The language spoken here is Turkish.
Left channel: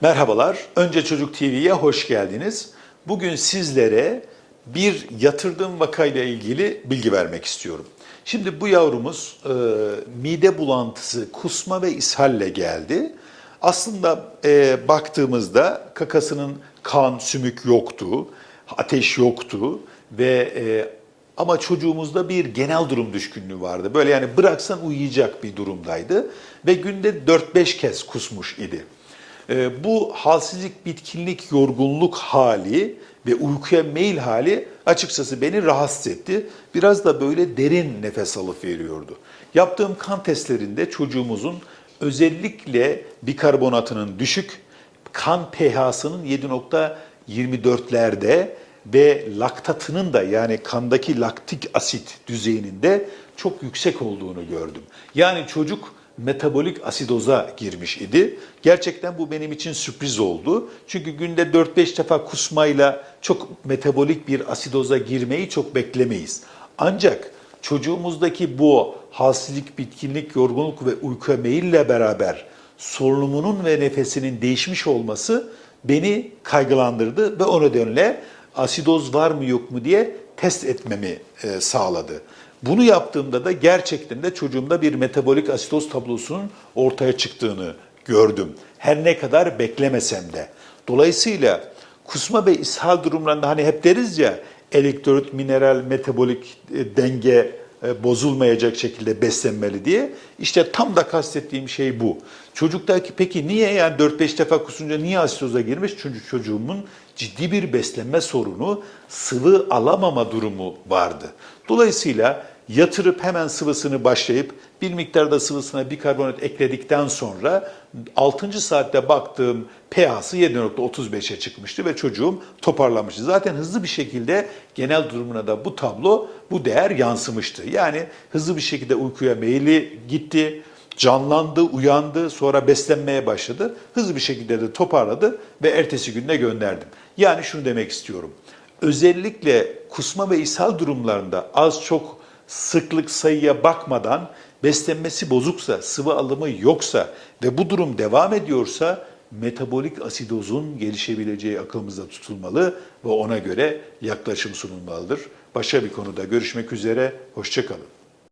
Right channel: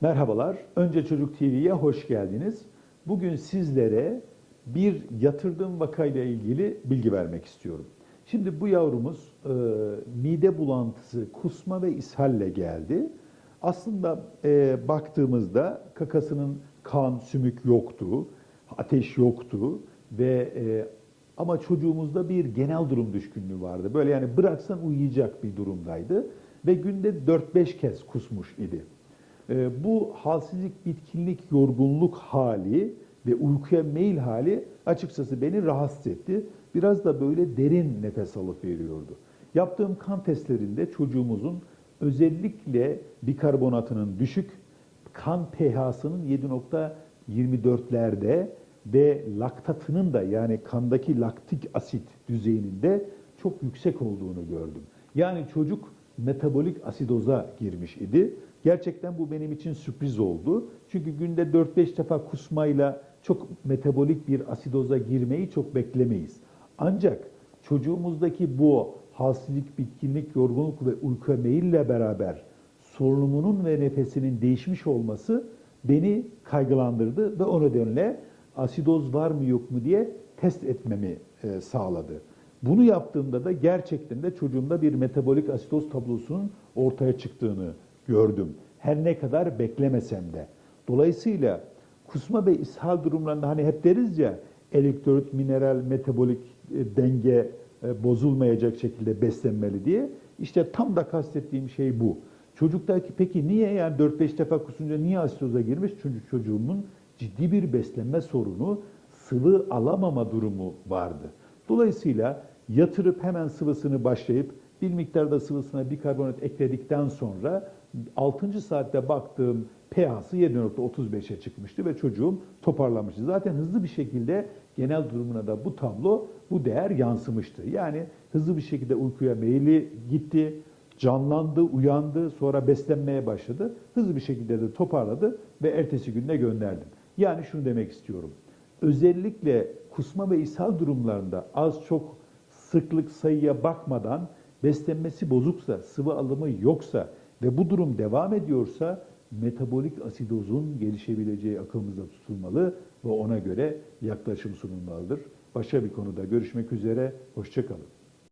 Merhabalar, Önce Çocuk TV'ye hoş geldiniz. Bugün sizlere bir yatırdığım vakayla ilgili bilgi vermek istiyorum. Şimdi bu yavrumuz e, mide bulantısı, kusma ve ishalle geldi. Aslında e, baktığımızda kakasının kan, sümük yoktu, ateş yoktu ve e, ama çocuğumuzda bir genel durum düşkünlüğü vardı. Böyle yani bıraksan uyuyacak bir durumdaydı ve günde 4-5 kez kusmuş idi. Ee, bu halsizlik, bitkinlik, yorgunluk hali ve uykuya meyil hali açıkçası beni rahatsız etti. Biraz da böyle derin nefes alıp veriyordu. Yaptığım kan testlerinde çocuğumuzun özellikle bikarbonatının düşük, kan pH'sının 7.24'lerde ve laktatının da yani kandaki laktik asit düzeyinin de çok yüksek olduğunu gördüm. Yani çocuk metabolik asidoza girmiş idi. Gerçekten bu benim için sürpriz oldu. Çünkü günde 4-5 defa kusmayla çok metabolik bir asidoza girmeyi çok beklemeyiz. Ancak çocuğumuzdaki bu halsizlik, bitkinlik, yorgunluk ve uykuya meyille beraber solunumunun ve nefesinin değişmiş olması beni kaygılandırdı ve o nedenle asidoz var mı yok mu diye test etmemi e, sağladı. Bunu yaptığımda da gerçekten de çocuğumda bir metabolik asitoz tablosunun ortaya çıktığını gördüm. Her ne kadar beklemesem de. Dolayısıyla kusma ve ishal durumlarında hani hep deriz ya elektrolit, mineral, metabolik e, denge bozulmayacak şekilde beslenmeli diye. İşte tam da kastettiğim şey bu. Çocuktaki peki niye yani 4-5 defa kusunca niye asitoza girmiş? Çünkü çocuğumun ciddi bir beslenme sorunu, sıvı alamama durumu vardı. Dolayısıyla yatırıp hemen sıvısını başlayıp bir miktarda sıvısına bikarbonat ekledikten sonra 6. saatte baktığım pH'sı 7.35'e çıkmıştı ve çocuğum toparlamıştı. Zaten hızlı bir şekilde genel durumuna da bu tablo, bu değer yansımıştı. Yani hızlı bir şekilde uykuya meyili gitti, canlandı, uyandı, sonra beslenmeye başladı. Hızlı bir şekilde de toparladı ve ertesi günde gönderdim. Yani şunu demek istiyorum. Özellikle kusma ve ishal durumlarında az çok sıklık sayıya bakmadan beslenmesi bozuksa, sıvı alımı yoksa ve bu durum devam ediyorsa metabolik asidozun gelişebileceği akılımızda tutulmalı ve ona göre yaklaşım sunulmalıdır. Başka bir konuda görüşmek üzere, hoşçakalın.